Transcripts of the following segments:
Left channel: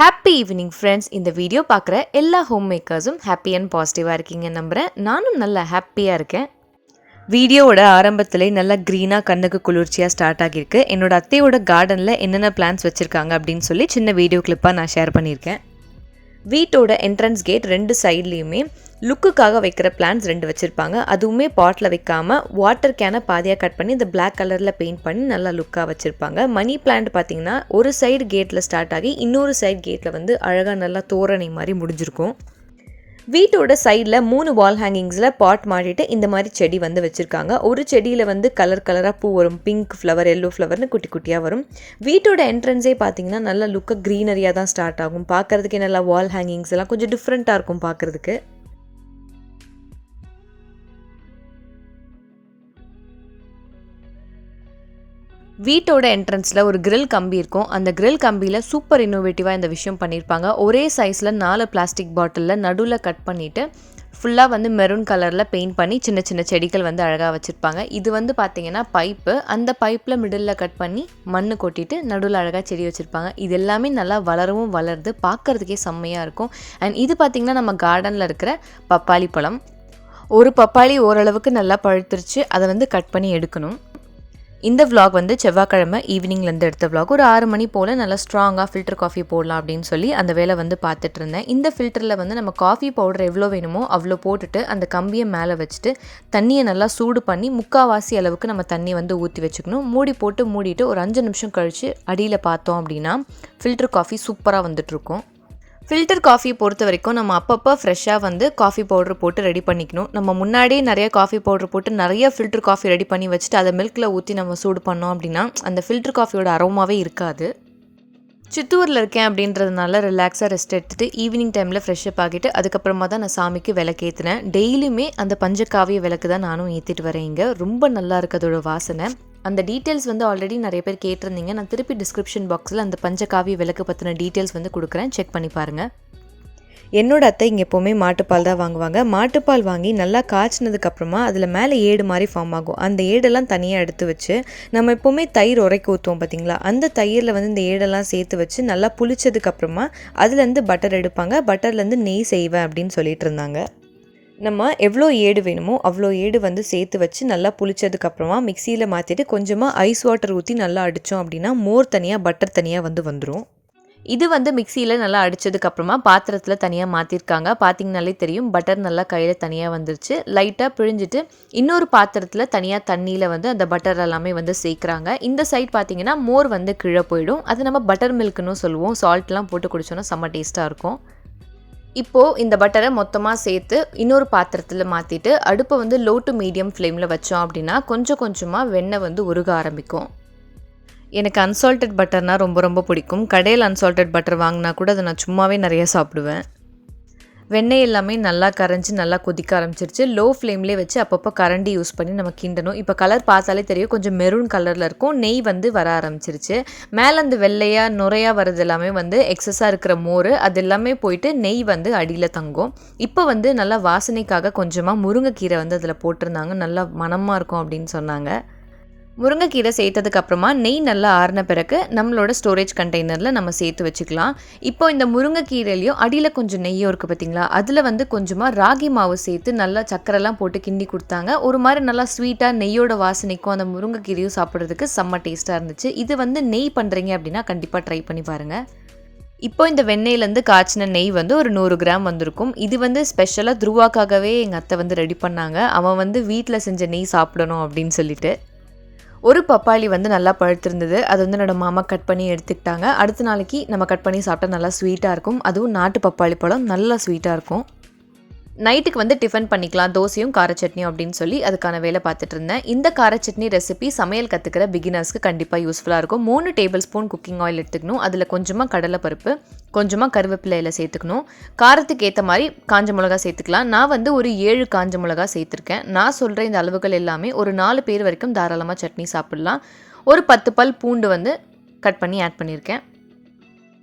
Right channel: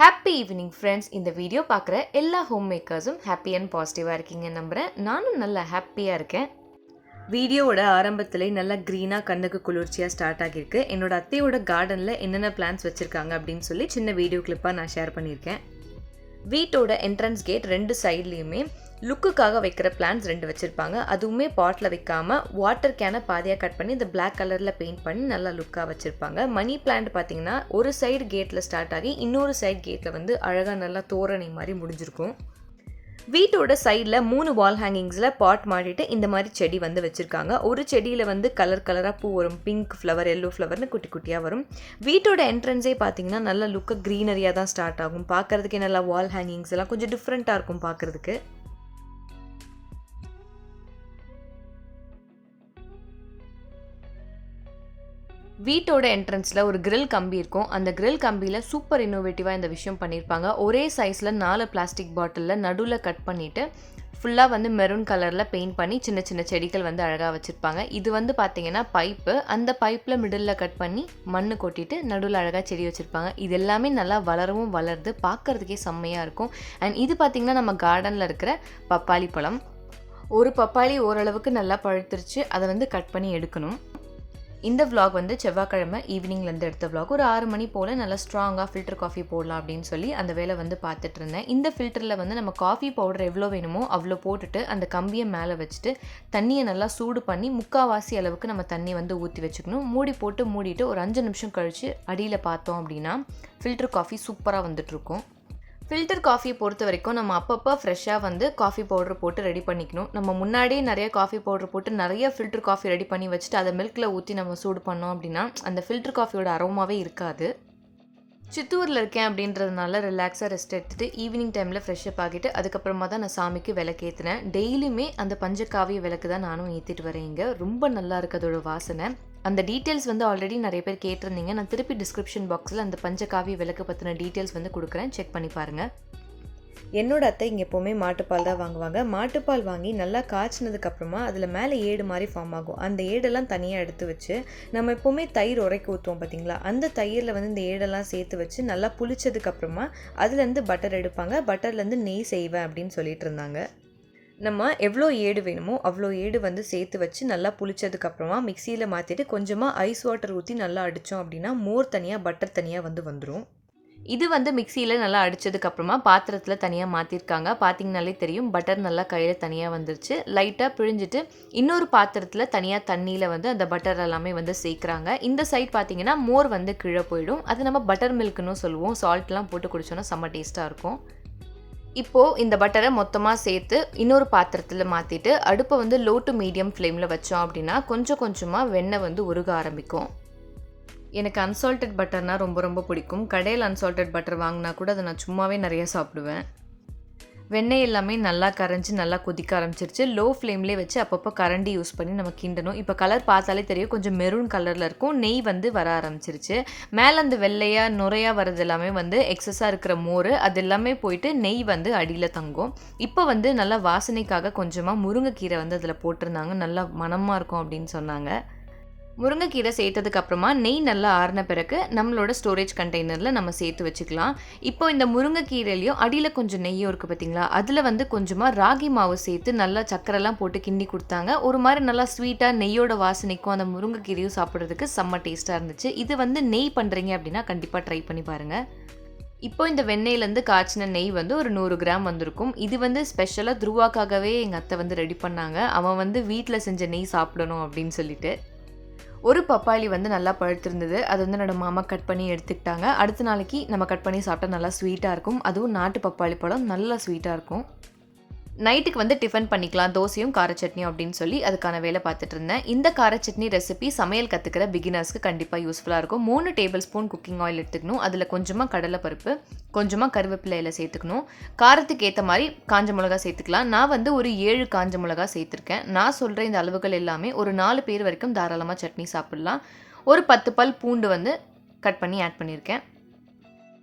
Happy evening friends. இந்த video பார்க்குற எல்லா ஹோம் மேக்கர்ஸும் ஹாப்பி அண்ட் பாசிட்டிவாக இருக்கீங்க நம்புகிறேன். நானும் நல்லா ஹாப்பியாக இருக்கேன். வீடியோவோட ஆரம்பத்திலே நல்லா க்ரீனாக கண்ணுக்கு குளிர்ச்சியாக ஸ்டார்ட் ஆகியிருக்கு. என்னோட அத்தையோட கார்டனில் என்னென்ன பிளான்ஸ் வச்சுருக்காங்க அப்படின்னு சொல்லி சின்ன வீடியோ கிளிப்பாக நான் ஷேர் பண்ணியிருக்கேன். வீட்டோட என்ட்ரன்ஸ் கேட் 2 சைட்லேயுமே லுக்குக்காக வைக்கிற பிளான்ஸ் 2 வச்சுருப்பாங்க. அதுவுமே பாட்டில் வைக்காமல் வாட்டர் கேனை பாதியாக கட் பண்ணி இந்த பிளாக் கலரில் பெயிண்ட் பண்ணி நல்லா லுக்காக வச்சுருப்பாங்க. மணி பிளான்ட் பார்த்திங்கன்னா ஒரு சைடு கேட்டில் ஸ்டார்ட் ஆகி இன்னொரு சைடு கேட்டில் வந்து அழகாக நல்லா தோரணை மாதிரி முடிஞ்சிருக்கும். வீட்டோட சைடில் 3 வால் ஹேங்கிங்ஸில் பாட் மாட்டிட்டு இந்த மாதிரி செடி வந்து வச்சுருக்காங்க. ஒரு செடியில் வந்து கலர் கலராக பூ வரும். பிங்க் ஃப்ளவர், எல்லோ ஃப்ளவர்னு குட்டி குட்டியாக வரும். வீட்டோட என்ட்ரன்ஸே பார்த்திங்கன்னா நல்லா லுக்காக க்ரீனரியாக தான் ஸ்டார்ட் ஆகும். பார்க்குறதுக்கே நல்லா வால் ஹேங்கிங்ஸ் எல்லாம் கொஞ்சம் டிஃப்ரெண்ட்டாக இருக்கும் பார்க்குறதுக்கு. வீட்டோட என்ட்ரன்ஸில் ஒரு கிரில் கம்பி இருக்கும். அந்த கிரில் கம்பியில் சூப்பர் இன்னோவேட்டிவாக இந்த விஷயம் பண்ணியிருப்பாங்க. ஒரே சைஸில் 4 பிளாஸ்டிக் பாட்டிலில் நடுவில் கட் பண்ணிவிட்டு ஃபுல்லாக வந்து மெரூன் கலரில் பெயிண்ட் பண்ணி சின்ன சின்ன செடிகள் வந்து அழகாக வச்சுருப்பாங்க. இது வந்து பார்த்திங்கன்னா பைப்பு. அந்த பைப்பில் மிடில் கட் பண்ணி மண் கொட்டிட்டு நடுவில் அழகாக செடி வச்சுருப்பாங்க. இது எல்லாமே நல்லா வளரவும் வளருது, பார்க்குறதுக்கே செம்மையாக இருக்கும். அண்ட் இது பார்த்திங்கன்னா நம்ம கார்டனில் இருக்கிற பப்பாளி பழம். ஒரு பப்பாளி ஓரளவுக்கு நல்லா பழுத்துருச்சு. அதை வந்து கட் பண்ணி எடுக்கணும். இந்த விலாக் வந்து செவ்வாய்க்கிழமை ஈவினிங்லேருந்து எடுத்த விலாக். ஒரு 6 மணி போல் நல்லா ஸ்ட்ராங்காக ஃபில்டர் காஃபி போடலாம் அப்படின்னு சொல்லி அந்த வேலை வந்து பார்த்துட்டு இருந்தேன். இந்த ஃபில்டரில் வந்து நம்ம காஃபி பவுடர் எவ்வளோ வேணுமோ அவ்வளோ போட்டுட்டு அந்த கம்பியை மேலே வச்சுட்டு தண்ணியை நல்லா சூடு பண்ணி 3/4 அளவுக்கு நம்ம தண்ணியை வந்து ஊற்றி வச்சுக்கணும். மூடிட்டு ஒரு 5 நிமிஷம் கழித்து அடியில் பார்த்தோம் அப்படின்னா ஃபில்டர் காஃபி சூப்பராக வந்துட்டுருக்கும். ஃபில்டர் காஃபியை பொறுத்த வரைக்கும் நம்ம அப்பப்போ ஃப்ரெஷ்ஷாக வந்து காஃபி பவுடர் போட்டு ரெடி பண்ணிக்கணும். நம்ம முன்னாடியே நிறைய காஃபி பவுடர் போட்டு நிறைய ஃபில்டர் காஃபி ரெடி பண்ணி வச்சுட்டு அதை மில்கில் ஊற்றி நம்ம சூடு பண்ணோம் அப்படின்னா அந்த ஃபில்டர் காஃபியோட அரோமாவே இருக்காது. சித்தூரில் இருக்கேன் அப்படின்றதுனால ரிலாக்ஸாக ரெஸ்ட் எடுத்துகிட்டு ஈவினிங் டைமில் ஃப்ரெஷ்ஷப் ஆகிட்டு அதுக்கப்புறமா தான் நான் சாமிக்கு விளக்கேற்றினேன். டெய்லியுமே அந்த பஞ்சகாவிய விளக்கு தான் நானும் ஏற்றிட்டு வரேன். இங்கே ரொம்ப நல்லா இருக்குது அதோட வாசனை. அந்த டீட்டெயில்ஸ் வந்து ஆல்ரெடி நிறைய பேர் கேட்டிருந்தீங்க. நான் திருப்பி டிஸ்கிரிப்ஷன் பாக்ஸில் அந்த பஞ்சகாவிய விளக்கு பற்றின டீட்டெயில்ஸ் வந்து கொடுக்குறேன், செக் பண்ணி பாருங்கள். என்னோட அத்தை இங்கே எப்போவுமே மாட்டுப்பால் தான் வாங்குவாங்க. மாட்டுப்பால் வாங்கி நல்லா காய்ச்சினதுக்கப்புறமா அதில் மேலே ஏடு மாதிரி ஃபார்ம் ஆகும். அந்த ஏடெல்லாம் தனியாக எடுத்து வச்சு நம்ம எப்போவுமே தயிர் உரைக்க ஊற்றுவோம் பார்த்திங்களா, அந்த தயிரில் வந்து இந்த ஏடெல்லாம் சேர்த்து வச்சு நல்லா புளிச்சதுக்கப்புறமா அதுலேருந்து பட்டர் எடுப்பாங்க. பட்டர்லேருந்து நெய் செய்வேன் அப்படின்னு சொல்லிட்டு இருந்தாங்க. நம்ம எவ்வளோ ஏடு வேணுமோ அவ்வளோ ஏடு வந்து சேர்த்து வச்சு நல்லா புளிச்சதுக்கப்புறமா மிக்சியில் மாற்றிட்டு கொஞ்சமாக ஐஸ் வாட்டர் ஊற்றி நல்லா அடித்தோம் அப்படின்னா மோர் தனியாக பட்டர் தனியாக வந்துடும். இது வந்து மிக்சியில் நல்லா அடித்ததுக்கப்புறமா பாத்திரத்தில் தனியாக மாற்றிருக்காங்க. பார்த்திங்கனாலே தெரியும் பட்டர் நல்லா கையில் தனியாக வந்துருச்சு. லைட்டாக பிழிஞ்சிட்டு இன்னொரு பாத்திரத்தில் தனியாக தண்ணியில் வந்து அந்த பட்டர் எல்லாமே வந்து சேர்க்குறாங்க. இந்த சைட் பார்த்திங்கன்னா மோர் வந்து கீழே போயிடும். அது நம்ம பட்டர் மில்க்குன்னு சொல்லுவோம். சால்ட்லாம் போட்டு குடிச்சோன்னா செம்ம டேஸ்ட்டாக இருக்கும். இப்போது இந்த பட்டரை மொத்தமாக சேர்த்து இன்னொரு பாத்திரத்தில் மாற்றிட்டு அடுப்பை வந்து லோ டு மீடியம் ஃப்ளேமில் வச்சோம் அப்படின்னா கொஞ்சம் கொஞ்சமாக வெண்ணெய் வந்து உருக ஆரம்பிக்கும். எனக்கு அன்சால்டட் பட்டர்னால் ரொம்ப ரொம்ப பிடிக்கும். கடையில் அன்சால்டட் பட்டர் வாங்கினா கூட அதை நான் சும்மாவே நிறைய சாப்பிடுவேன். வெண்ணெய் எல்லாமே நல்லா கரைஞ்சி நல்லா கொதிக்க ஆரம்பிச்சிருச்சு. லோ ஃப்ளேம்லேயே வச்சு அப்பப்போ கரண்டி யூஸ் பண்ணி நம்ம கிண்டணும். இப்போ கலர் பார்த்தாலே தெரியும், கொஞ்சம் மெரூன் கலரில் இருக்கும். நெய் வந்து வர ஆரம்பிச்சிருச்சு. மேலே அந்த வெள்ளையாக நுரையாக வர்றது எல்லாமே வந்து எக்ஸஸாக இருக்கிற மோர் அது எல்லாமே போயிட்டு நெய் வந்து அடியில் தங்கும். இப்போ வந்து நல்லா வாசனைக்காக கொஞ்சமாக முருங்கைக்கீரை வந்து அதில் போட்டிருந்தாங்க. நல்லா மணமாக இருக்கும் அப்படின்னு சொன்னாங்க. முருங்கைக்கீரை சேர்த்ததுக்கப்புறமா நெய் நல்லா ஆறின பிறகு நம்மளோட ஸ்டோரேஜ் கண்டெய்னரில் நம்ம சேர்த்து வச்சுக்கலாம். இப்போ இந்த முருங்கைக்கீரையிலையும் அடியில் கொஞ்சம் நெய்யும் இருக்குது பார்த்திங்களா, அதில் வந்து கொஞ்சமாக ராகி மாவு சேர்த்து நல்லா சக்கரைலாம் போட்டு கிண்டி கொடுத்தாங்க. ஒரு மாதிரி நல்லா ஸ்வீட்டாக நெய்யோட வாசனைக்கும் அந்த முருங்கைக்கீரையும் சாப்பிட்றதுக்கு செம்ம டேஸ்ட்டாக இருந்துச்சு. இது வந்து நெய் பண்ணுறீங்க அப்படின்னா கண்டிப்பாக ட்ரை பண்ணி பாருங்கள். இப்போ இந்த வெண்ணெயிலேருந்து காய்ச்சின நெய் வந்து ஒரு 100 கிராம் வந்திருக்கும். இது வந்து ஸ்பெஷலாக துருவாக்காகவே எங்கள் அத்தை வந்து ரெடி பண்ணாங்க. அவன் வந்து வீட்டில் செஞ்ச நெய் சாப்பிடணும் அப்படின்னு சொல்லிட்டு. ஒரு பப்பாளி வந்து நல்லா பழுத்திருந்தது. அது வந்து என்னோட மாமா கட் பண்ணி எடுத்துக்கிட்டாங்க. அடுத்த நாளைக்கு நம்ம கட் பண்ணி சாப்பிட்டா நல்லா ஸ்வீட்டாக இருக்கும். அதுவும் நாட்டு பப்பாளி பழம் நல்லா ஸ்வீட்டாக இருக்கும். நைட்டுக்கு வந்து டிஃபன் பண்ணிக்கலாம், தோசையும் கார சட்னியும் அப்படின்னு சொல்லி அதுக்கான வேலை பார்த்துட்டு இருந்தேன். இந்த கார சட்னி ரெசிபி சமையல் கற்றுக்கிற பிகினர்ஸ்க்கு கண்டிப்பாக யூஸ்ஃபுல்லாக இருக்கும். 3 டேபிள் ஸ்பூன் குக்கிங் ஆயில் எடுத்துக்கணும். அதில் கொஞ்சமாக கடலைப்பருப்பு, கொஞ்சமாக கருவேப்பிலையில் சேர்த்துக்கணும். காரத்துக்கு ஏற்ற மாதிரி காஞ்ச மிளகா சேர்த்துக்கலாம். நான் வந்து ஒரு 7 காஞ்ச மிளகா சேர்த்துருக்கேன். நான் சொல்கிற இந்த அளவுகள் எல்லாமே ஒரு 4 பேர் வரைக்கும் தாராளமாக சட்னி சாப்பிடலாம். ஒரு 10 பல் பூண்டு வந்து கட் பண்ணி ஆட் பண்ணியிருக்கேன்.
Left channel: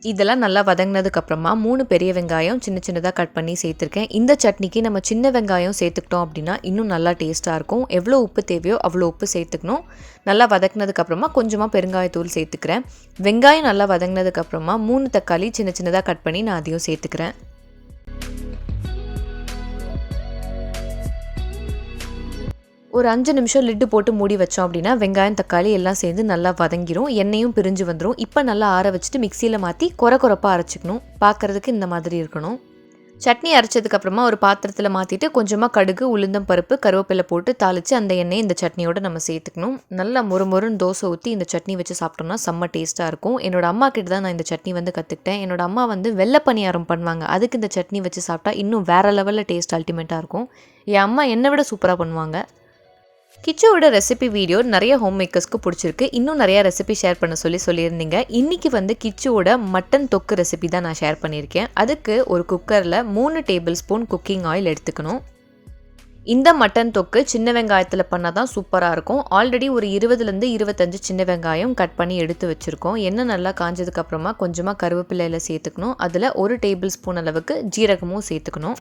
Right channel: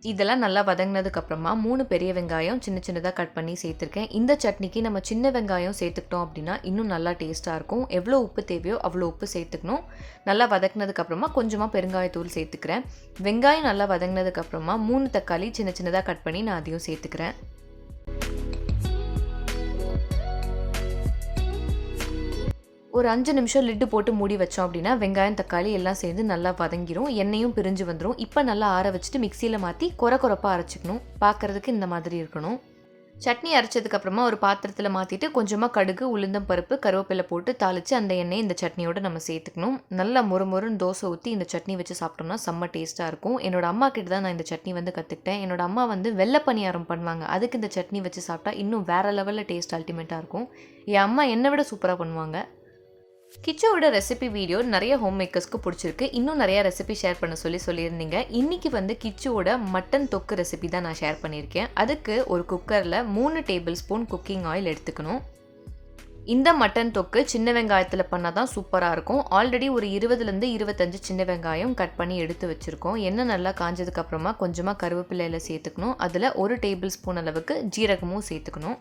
இதெல்லாம் நல்லா வதங்கினதுக்கப்புறமா 3 பெரிய வெங்காயம் சின்ன சின்னதாக கட் பண்ணி சேர்த்துருக்கேன். இந்த சட்னிக்கு நம்ம சின்ன வெங்காயம் சேர்த்துக்கிட்டோம் அப்படின்னா இன்னும் நல்லா டேஸ்ட்டாக இருக்கும். எவ்வளோ உப்பு தேவையோ அவ்வளோ உப்பு சேர்த்துக்கணும். நல்லா வதக்கினதுக்கப்புறமா கொஞ்சமாக பெருங்காயத்தூள் சேர்த்துக்கிறேன். வெங்காயம் நல்லா வதங்கினதுக்கப்புறமா 3 தக்காளி சின்ன சின்னதாக கட் பண்ணி நான் அதையும் சேர்த்துக்கிறேன். ஒரு 5 நிமிஷம் லிட்டு போட்டு மூடி வச்சோம் அப்படின்னா வெங்காயம் தக்காளி எல்லாம் சேர்ந்து நல்லா வதங்கிரும். எண்ணெயும் பிரிஞ்சு வந்துடும். இப்போ நல்லா ஆற வச்சுட்டு மிக்சியில் மாற்றி கொரப்பாக அரைச்சிக்கணும். பார்க்குறதுக்கு இந்த மாதிரி இருக்கணும். சட்னி அரைச்சதுக்கப்புறமா ஒரு பாத்திரத்தில் மாற்றிட்டு கொஞ்சமாக கடுகு உளுந்தம் பருப்பு கருவேப்பிலை போட்டு தாளித்து அந்த எண்ணெயை இந்த சட்னியோடு நம்ம சேர்த்துக்கணும். நல்லா மொறுன்னு தோசை ஊற்றி இந்த சட்னி வச்சு சாப்பிட்டோம்னா செம்ம டேஸ்ட்டாக இருக்கும். என்னோடய அம்மா கிட்ட தான் நான் இந்த சட்னி கற்றுக்கிட்டேன். என்னோடய அம்மா வெள்ளை பணியாரம் பண்ணுவாங்க. அதுக்கு இந்த சட்னி வச்சு சாப்பிட்டா இன்னும் வேறு லெவலில் டேஸ்ட் அல்டிமேட்டாக இருக்கும். என் அம்மா என்னை விட சூப்பராக பண்ணுவாங்க. கிச்சோட ரெசிபி வீடியோ நிறைய ஹோம் மேக்கர்ஸ்க்கு பிடிச்சிருக்கு. இன்னும் நிறையா ரெசிபி ஷேர் பண்ண சொல்லியிருந்தீங்க. இன்றைக்கி கிச்சோட மட்டன் தொக்கு ரெசிபி தான் நான் ஷேர் பண்ணியிருக்கேன். அதுக்கு ஒரு குக்கரில் 3 டேபிள் ஸ்பூன் குக்கிங் ஆயில் எடுத்துக்கணும். இந்த மட்டன் தொக்கு சின்ன வெங்காயத்தில் பண்ணால் தான் சூப்பராக இருக்கும். ஆல்ரெடி ஒரு 20லேருந்து 25 சின்ன வெங்காயம் கட் பண்ணி எடுத்து வச்சுருக்கோம். எண்ணெய் நல்லா காஞ்சதுக்கப்புறமா கொஞ்சமாக கருவேப்பிலையில் சேர்த்துக்கணும். அதில் 1 டேபிள் ஸ்பூன் அளவுக்கு ஜீரகமும் சேர்த்துக்கணும்.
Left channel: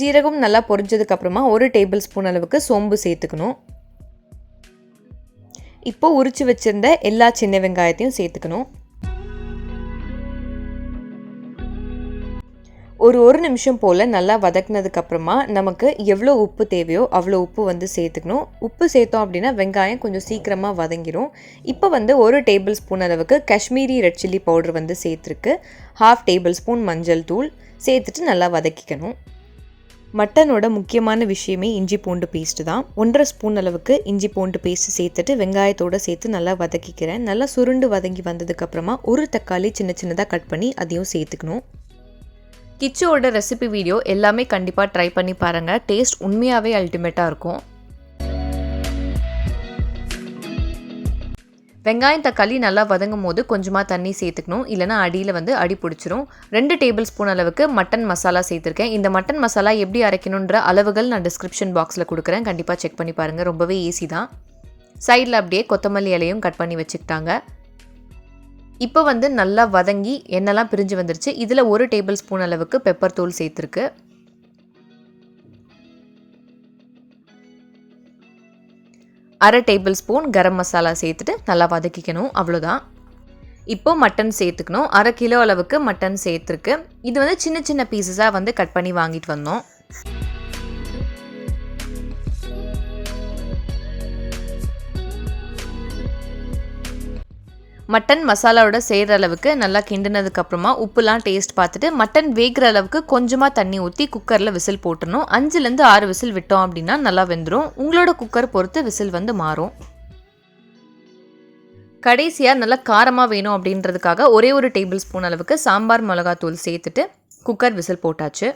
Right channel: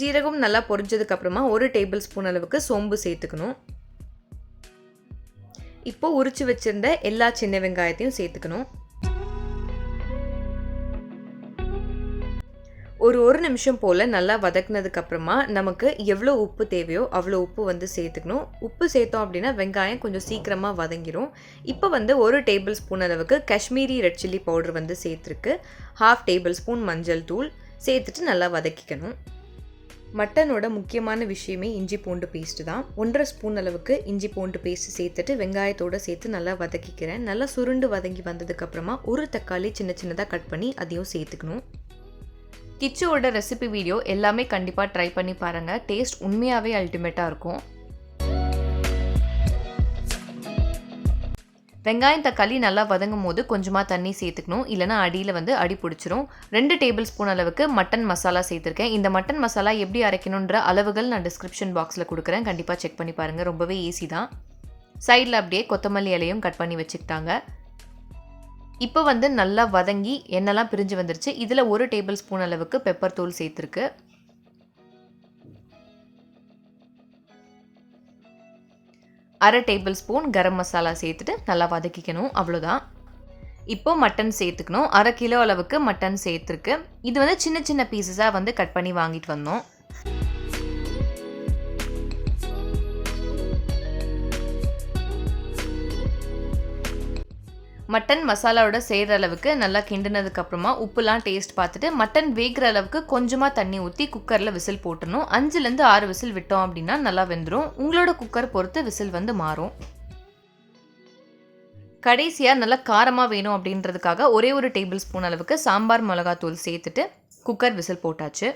ஜீரகம் நல்லா பொரிஞ்சதுக்கப்புறமா 1 டேபிள் ஸ்பூன் அளவுக்கு சோம்பு சேர்த்துக்கணும். இப்போது உரிச்சு வச்சுருந்த எல்லா சின்ன வெங்காயத்தையும் சேர்த்துக்கணும். ஒரு நிமிஷம் போல் நல்லா வதக்குனதுக்கப்புறமா நமக்கு எவ்வளோ உப்பு தேவையோ அவ்வளோ உப்பு சேர்த்துக்கணும். உப்பு சேர்த்தோம் அப்படின்னா வெங்காயம் கொஞ்சம் சீக்கிரமாக வதங்கிடும். இப்போ 1 டேபிள் ஸ்பூன் அளவுக்கு காஷ்மீரி ரெட் சில்லி பவுடர் சேர்த்துருக்கு. 1/2 டேபிள் ஸ்பூன் மஞ்சள் தூள் சேர்த்துட்டு நல்லா வதக்கிக்கணும். மட்டனோட முக்கியமான விஷயமே இஞ்சி பூண்டு பேஸ்ட்டு தான். 1/2 ஸ்பூன் அளவுக்கு இஞ்சி பூண்டு பேஸ்ட்டு சேர்த்துட்டு வெங்காயத்தோடு சேர்த்து நல்லா வதக்கிக்கிறேன். நல்லா சுருண்டு வதங்கி வந்ததுக்கப்புறமா ஒரு தக்காளி சின்ன சின்னதாக கட் பண்ணி அதையும் சேர்த்துக்கணும். கிச்சோட ரெசிபி வீடியோ எல்லாமே கண்டிப்பாக ட்ரை பண்ணி பாருங்கள். டேஸ்ட் உண்மையாகவே அல்டிமேட்டாக இருக்கும். வெங்காயம் தக்காளி நல்லா வதங்கும் போது கொஞ்சமாக தண்ணி சேர்த்துக்கணும். இல்லைனா அடியில் அடி பிடிச்சிரும். 2 டேபிள் ஸ்பூன் அளவுக்கு மட்டன் மசாலா சேர்த்துருக்கேன். இந்த மட்டன் மசாலா எப்படி அரைக்கணுன்ற அளவுகள் நான் டிஸ்கிரிப்ஷன் பாக்ஸில் கொடுக்குறேன். கண்டிப்பாக செக் பண்ணி பாருங்கள். ரொம்பவே ஈஸி தான். சைடில் அப்படியே கொத்தமல்லி இலையும் கட் பண்ணி வச்சுக்கிட்டாங்க. இப்போ நல்லா வதங்கி எண்ணெய்லாம் பிரிஞ்சு வந்துருச்சு. இதில் 1 டேபிள் ஸ்பூன் அளவுக்கு பெப்பர் தூள் சேர்த்துருக்கு. 1/2 டேபிள் ஸ்பூன் கரம் மசாலா சேர்த்துட்டு நல்லா வதக்கிக்கணும். அவ்வளோதான். இப்போ மட்டன் சேர்த்துக்கணும். 1/2 கிலோ அளவுக்கு மட்டன் சேர்த்துருக்கு. இது சின்ன சின்ன பீசஸாக கட் பண்ணி வாங்கிட்டு வந்தோம். மட்டன் மசாலாவோட சேர்கிற அளவுக்கு நல்லா கிண்டினதுக்கப்புறமா உப்புலாம் டேஸ்ட் பார்த்துட்டு மட்டன் வேகிற அளவுக்கு கொஞ்சமாக தண்ணி ஊற்றி குக்கரில் விசில் போட்டுடணும். 5லேருந்து 6 விசில் விட்டோம் அப்படின்னா நல்லா வெந்துடும். உங்களோட குக்கர் பொறுத்து விசில் மாறும். கடைசியாக நல்லா காரமாக வேணும் அப்படின்றதுக்காக ஒரே 1 டேபிள் ஸ்பூன் அளவுக்கு சாம்பார் மிளகாத்தூள் சேர்த்துட்டு குக்கர் விசில் போட்டாச்சு.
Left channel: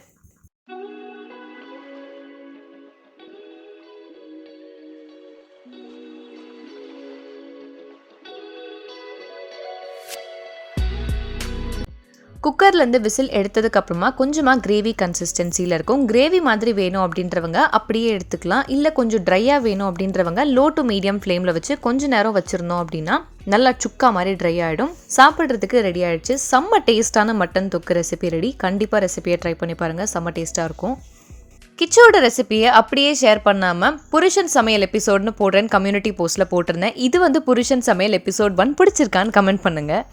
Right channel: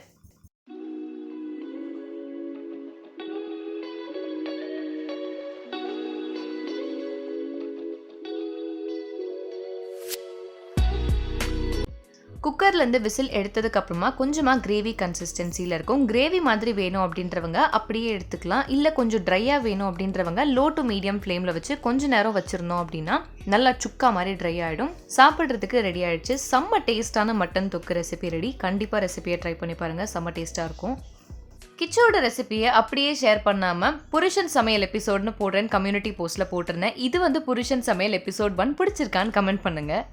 குக்கர்லேருந்து விசில் எடுத்ததுக்கப்புறமா கொஞ்சமாக கிரேவி கன்சிஸ்டன்சியில் இருக்கும். கிரேவி மாதிரி வேணும் அப்படின்றவங்க அப்படியே எடுத்துக்கலாம். இல்லை கொஞ்சம் ட்ரையாக வேணும் அப்படின்றவங்க லோ டு மீடியம் ஃப்ளேமில் வச்சு கொஞ்சம் நேரம் வச்சுருந்தோம் அப்படின்னா நல்லா சுக்கா மாதிரி ட்ரை ஆகிடும். சாப்பிட்றதுக்கு ரெடி ஆகிடுச்சு. செம்ம டேஸ்ட்டான மட்டன் தொக்கு ரெசிபி ரெடி. கண்டிப்பாக ரெசிபியை ட்ரை பண்ணி பாருங்கள். செம்ம டேஸ்ட்டாக இருக்கும். கிச்சோட ரெசிபியை அப்படியே ஷேர் பண்ணாமல் புருஷன் சமையல் எபிசோட்னு போடுறேன்னு கம்யூனிட்டி போஸ்ட்டில் போட்டிருந்தேன். இது புருஷன் சமையல் எபிசோட் 1 பிடிச்சிருக்கான்னு கமெண்ட் பண்ணுங்கள்.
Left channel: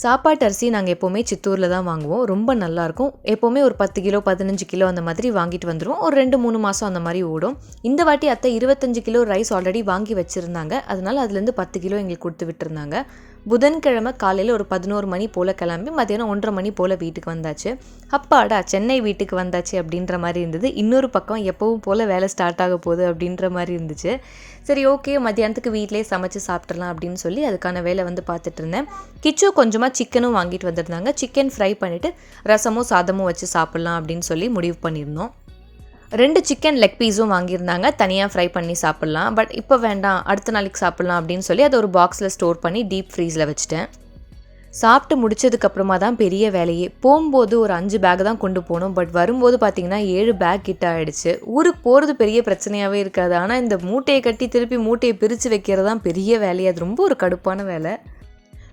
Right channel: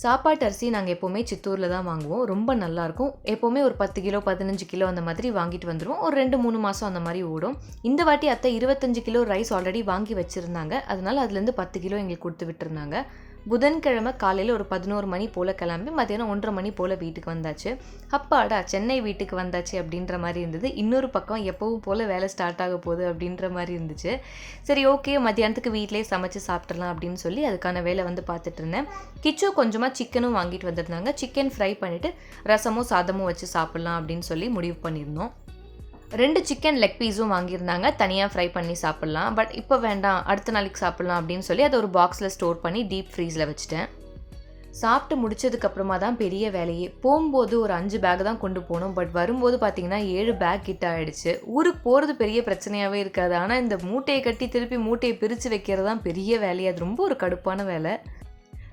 சாப்பாட்டு அரிசி நாங்கள் எப்போவுமே சித்தூரில் தான் வாங்குவோம். ரொம்ப நல்லாயிருக்கும். எப்போவுமே ஒரு 10 கிலோ 15 கிலோ அந்த மாதிரி வாங்கிட்டு வந்துடுவோம். ஒரு 2-3 மாதம் அந்த மாதிரி ஓடும். இந்த வாட்டி அத்தை 25 கிலோ ரைஸ் ஆல்ரெடி வாங்கி வச்சுருந்தாங்க. அதனால் அதுலேருந்து 10 கிலோ எங்களுக்கு கொடுத்து விட்டுருந்தாங்க. புதன்கிழமை காலையில் ஒரு 11 மணி போல் கிளம்பி மதியானம் 1:30 மணி போல் வீட்டுக்கு வந்தாச்சு. அப்பாடா சென்னை வீட்டுக்கு வந்தாச்சு அப்படின்ற மாதிரி இருந்தது. இன்னொரு பக்கம் எப்பவும் போல் வேலை ஸ்டார்ட் ஆக போகுது அப்படின்ற மாதிரி இருந்துச்சு. சரி ஓகே மத்தியானத்துக்கு வீட்டிலே சமைச்சு சாப்பிட்றலாம் அப்படின்னு சொல்லி அதுக்கான வேலை பார்த்துட்டு இருந்தேன். கிச்சு கொஞ்சமாக சிக்கனும் வாங்கிட்டு வந்திருந்தாங்க. சிக்கன் ஃப்ரை பண்ணிவிட்டு ரசமும் சாதமும் வச்சு சாப்பிட்லாம் அப்படின்னு சொல்லி முடிவு பண்ணியிருந்தோம். 2 சிக்கன் லெக் பீஸும் வாங்கியிருந்தாங்க. தனியாக ஃப்ரை பண்ணி சாப்பிட்லாம். பட் இப்போ வேண்டாம் அடுத்த நாளைக்கு சாப்பிட்லாம் அப்படின்னு சொல்லி அதை ஒரு பாக்ஸில் ஸ்டோர் பண்ணி டீப் ஃப்ரீஸில் வச்சுட்டேன். சாப்பிட்டு முடிச்சதுக்கப்புறமா தான் பெரிய வேலையே. போகும்போது ஒரு 5 பேக் தான் கொண்டு போனோம். பட் வரும்போது பார்த்திங்கன்னா 7 பேக் கிட்ட ஆகிடுச்சு. ஊருக்கு போகிறது பெரிய பிரச்சனையாகவே இருக்காது. ஆனால் இந்த மூட்டையை கட்டி திருப்பி மூட்டையை பிரித்து வைக்கிறது தான் பெரிய வேலையே. அது ரொம்ப ஒரு கடுப்பான வேலை.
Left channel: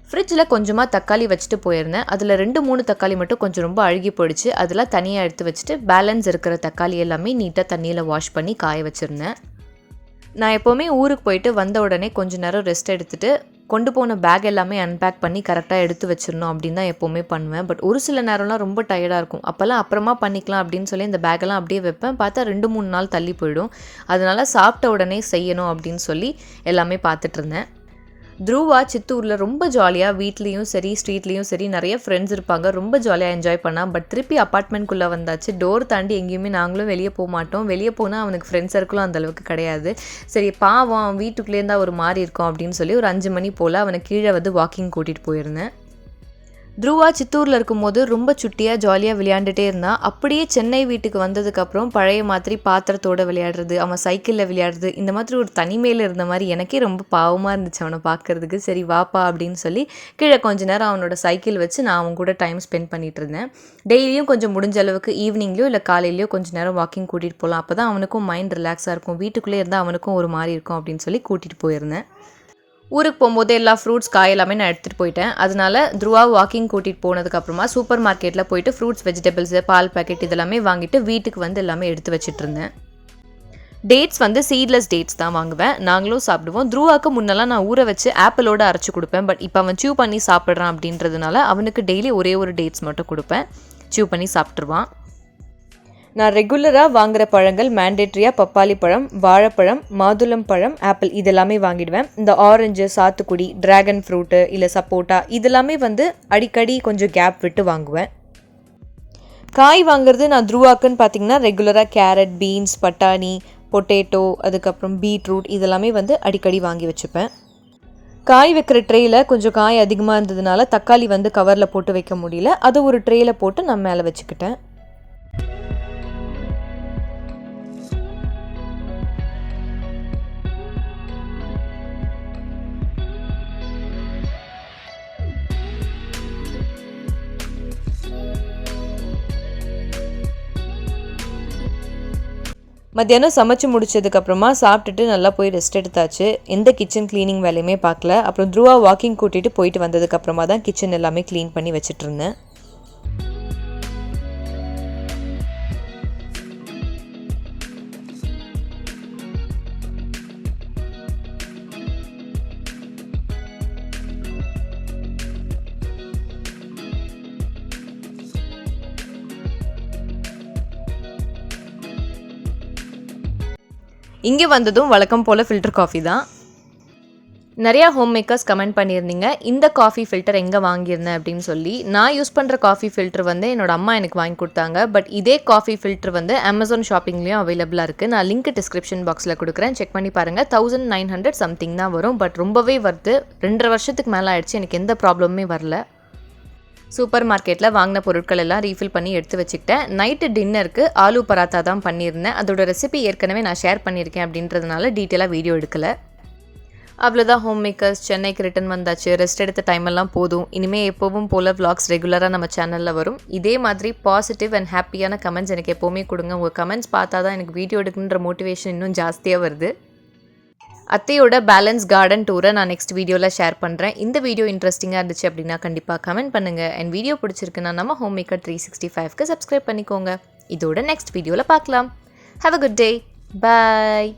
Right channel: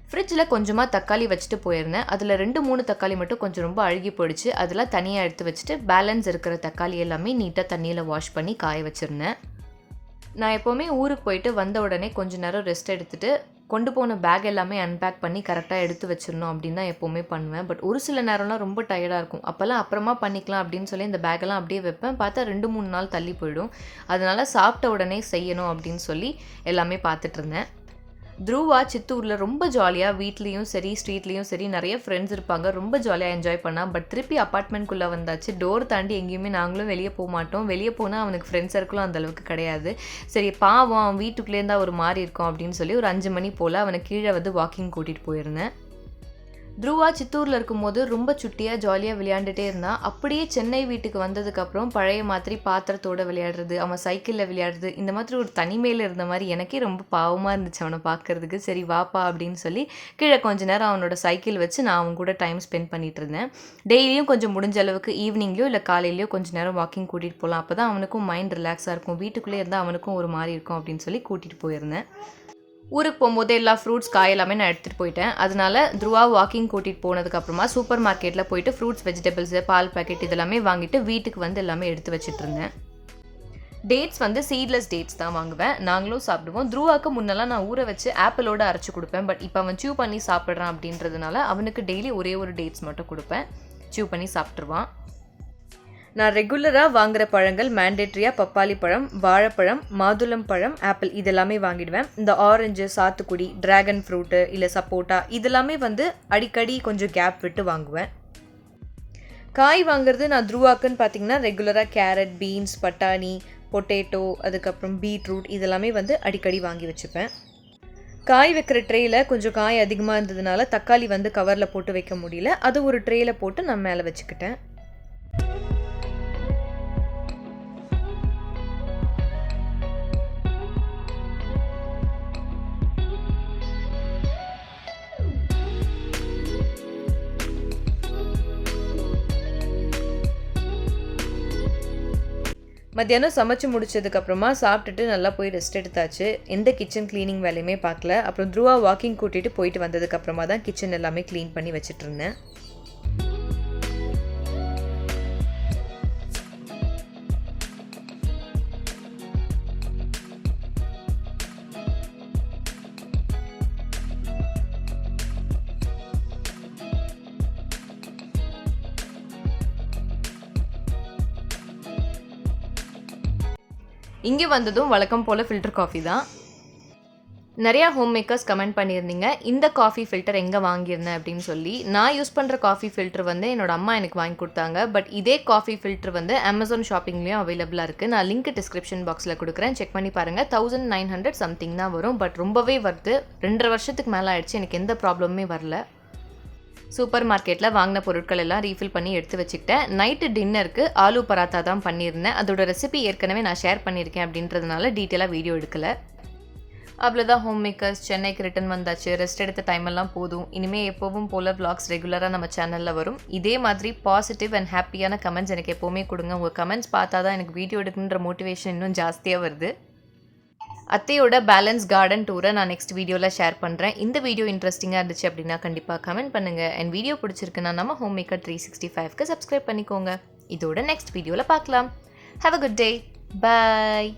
ஃப்ரிட்ஜில் கொஞ்சமாக தக்காளி வச்சுட்டு போயிருந்தேன். அதில் 2-3 தக்காளி மட்டும் கொஞ்சம் ரொம்ப அழுகி போயிடுச்சு. அதெல்லாம் தனியாக எடுத்து வச்சுட்டு பேலன்ஸ் இருக்கிற தக்காளி எல்லாமே நீட்டாக தண்ணியில் வாஷ் பண்ணி காய வச்சுருந்தேன். நான் எப்போவுமே ஊருக்கு போயிட்டு வந்த உடனே கொஞ்சம் நேரம் ரெஸ்ட் எடுத்துகிட்டு கொண்டு போன பேக் எல்லாமே அன்பேக் பண்ணி கரெக்டாக எடுத்து வச்சிடணும் அப்படின்னு தான் எப்போவுமே பண்ணுவேன். பட் ஒரு சில நேரம்லாம் ரொம்ப டயர்டாக இருக்கும். அப்போல்லாம் அப்புறமா பண்ணிக்கலாம் அப்படின்னு சொல்லி இந்த பேக்கெல்லாம் அப்படியே வைப்பேன். பார்த்தா 2-3 நாள் தள்ளி போயிடும். அதனால் சாப்பிட்ட உடனே செய்யணும் அப்படின்னு சொல்லி எல்லாமே பார்த்துட்ருந்தேன். த்ருவா சித்தூரில் ரொம்ப ஜாலியாக வீட்லேயும் சரி ஸ்ட்ரீட்லேயும் சரி நிறைய ஃப்ரெண்ட்ஸ் இருப்பாங்க. ரொம்ப ஜாலியாக என்ஜாய் பண்ணான். பட் திருப்பி அப்பார்ட்மெண்ட்குள்ளே வந்தாச்சு. டோர் தாண்டி எங்கேயுமே நாங்களும் வெளியே போக மாட்டோம். வெளியே போனால் அவனுக்கு ஃப்ரெண்ட்ஸ் சர்க்கிளும் அந்தளவுக்கு கிடையாது. சரி பாவம் அவன் வீட்டுக்குள்ளேயே தான் ஒரு மாதிரி இருக்கும் அப்படின்னு சொல்லி ஒரு 5 மணி போல் அவனை கீழே வந்து வாக்கிங் கூட்டிகிட்டு போயிருந்தேன். த்ருவா சித்தூரில் இருக்கும்போது ரொம்ப சுட்டியாக ஜாலியாக விளையாண்டுட்டே இருந்தான். அப்படியே சென்னை வீட்டுக்கு வந்ததுக்கப்புறம் பழைய மாதிரி பாத்திரத்தோடு விளையாடுறது, அவன் சைக்கிளில் விளையாடுறது, இந்த மாதிரி ஒரு தனிமையில் இருந்த மாதிரி எனக்கே ரொம்ப பாவமாக இருந்துச்சு அவனை பார்க்குறதுக்கு. சரி வாப்பா அப்படின்னு சொல்லி கீழே கொஞ்ச நேரம் அவனோட சைக்கிள் வச்சு நான் அவன் கூட டைம் ஸ்பெண்ட் பண்ணிகிட்டு இருந்தேன். டெய்லியும் கொஞ்சம் முடிஞ்ச அளவுக்கு ஈவினிங்லேயோ இல்லை காலையிலையோ கொஞ்சம் நேரம் வாக்கிங் கூட்டிகிட்டு போகலாம். அப்போ தான் அவனுக்கும் மைண்ட் ரிலாக்ஸாக இருக்கும். வீட்டுக்குள்ளே இருந்தால் அவனுக்கும் ஒரு மாதிரி இருக்கும் அப்படின்னு சொல்லி கூட்டிகிட்டு போயிருந்தேன். ஊருக்கு போகும்போது எல்லா ஃப்ரூட்ஸ் காய் எல்லாமே நான் எடுத்துகிட்டு போயிட்டேன். அதனால த்ருவா வாக்கிங் கூட்டிகிட்டு போனதுக்கப்புறமா சூப்பர் மார்க்கெட்டில் போயிட்டு ஃப்ரூட்ஸ் வெஜிடபிள்ஸு பால் பேக்கெட் இதெல்லாமே வாங்கிட்டு வீட்டுக்கு வந்து எல்லாமே எடுத்து வச்சுட்டு இருந்தேன். டேட்ஸ் வந்து சீட்லெஸ் டேட்ஸ் தான் வாங்குவேன். நாங்களும் சாப்பிடுவோம். த்ருவாவுக்கு முன்னெல்லாம் நான் ஊற வச்சு ஆப்பிளோடு அரைச்சி கொடுப்பேன். பட் இப்போ அவன் சியூ பண்ணி சாப்பிட்றான் அப்படின்றதுனால அவனுக்கு டெய்லி ஒரே ஒரு டேட்ஸ் மட்டும் கொடுப்பேன். சியூ பண்ணி சாப்பிட்ருவான். நான் ரெகுலராக வாங்குகிற பழங்கள் மேண்டேட்ரியாக பப்பாளி பழம், வாழைப்பழம், மாதுளம் பழம், ஆப்பிள் இதெல்லாமே வாங்கிடுவேன். இந்த ஆரஞ்சு, சாத்துக்குடி, ட்ராகன் ஃப்ரூட்டு இல்லை சப்போட்டா இதெல்லாமே வந்து அடிக்கடி கொஞ்சம் கேப் விட்டு வாங்குவேன். காய் வாங்குறது நான் த்ருவாக்குன்னு பார்த்திங்கன்னா ரெகுலராக கேரட், பீன்ஸ், பட்டாணி, பொட்டேட்டோ, அதுக்கப்புறம் பீட்ரூட் இதெல்லாமே வந்து அடிக்கடி வாங்கி வச்சுப்பேன். காய் வைக்கிற ட்ரேயில் கொஞ்சம் காய் அதிகமாக இருந்ததுனால தக்காளி வந்து கவரில் போட்டு வைக்க முடியல. அதை ஒரு ட்ரேயில் போட்டு நான் மேலே வச்சுக்கிட்டேன். மத்தியானம் சமைச்சு முடிச்சதுக்கப்புறமா சாப்பிட்டுட்டு நல்லா போய் ரெஸ்ட் எடுத்தாச்சு. எந்த கிச்சன் க்ளீனிங் வேலையுமே பார்க்கல. அப்புறம் த்ருவா வாக்கிங் கூட்டிகிட்டு போயிட்டு வந்ததுக்கப்புறமா தான் கிச்சன் எல்லாமே க்ளீன் பண்ணி வச்சுட்டு இருந்தேன். இங்கே வந்ததும் வழக்கம் போல் ஃபில்டர் காஃபி தான். நிறையா ஹோம் மேக்கர்ஸ் கமெண்ட் பண்ணியிருந்தீங்க இந்த காஃபி ஃபில்டர் எங்கே வாங்கியிருந்தேன் அப்படின்னு சொல்லி. நான் யூஸ் பண்ணுற காஃபி ஃபில்டர் வந்து என்னோடய அம்மா எனக்கு வாங்கி கொடுத்தாங்க. பட் இதே காஃபி ஃபில்டர் வந்து அமேசான் ஷாப்பிங்லேயும் அவைலபிளாக இருக்குது. நான் லிங்க் டிஸ்கிரிப்ஷன் பாக்ஸில் கொடுக்குறேன், செக் பண்ணி பாருங்கள். 1900 சம்திங் தான் வரும். பட் ரொம்பவே வருது. 2.5 வருஷத்துக்கு மேலே ஆயிடுச்சு, எனக்கு எந்த ப்ராப்ளமுமே வரல. சூப்பர் மார்க்கெட்டில் வாங்கின பொருட்கள் எல்லாம் ரீஃபில் பண்ணி எடுத்து வச்சுக்கிட்டேன். நைட்டு டின்னருக்கு ஆலு பராத்தா தான் பண்ணியிருந்தேன். அதோட ரெசிபி ஏற்கனவே நான் ஷேர் பண்ணியிருக்கேன் அப்படின்றதுனால டீட்டெயிலாக வீடியோ எடுக்கலை. அவ்வளோதான் ஹோம் மேக்கர்ஸ். சென்னைக்கு ரிட்டன் வந்தாச்சு. ரெஸ்ட் எடுத்த டைம் எல்லாம் போதும். இனிமேல் எப்போவும் போல் vlogs ரெகுலராக நம்ம சேனலில் வரும். இதே மாதிரி பாசிட்டிவ் அண்ட் ஹாப்பியான கமெண்ட்ஸ் எனக்கு எப்போவுமே கொடுங்க. உங்கள் கமெண்ட்ஸ் பார்த்தா தான் எனக்கு வீடியோ எடுக்கணுன்ற மோட்டிவேஷன் இன்னும் ஜாஸ்தியாக வருது. அத்தையோட பேலன்ஸ் கார்டன் டூரை நான் நெக்ஸ்ட் வீடியோவில் ஷேர் பண்ணுறேன். இந்த வீடியோ இன்ட்ரெஸ்டிங்காக இருந்துச்சு அப்படின்னா கண்டிப்பாக கமெண்ட் பண்ணுங்கள். அண்ட் வீடியோ பிடிச்சிருக்குன்னா நம்ம HomeMaker 365க்கு சப்ஸ்கிரைப் பண்ணிக்கோங்க. இதோட நெக்ஸ்ட் வீடியோவில் பார்க்கலாம். Have a good day. Bye.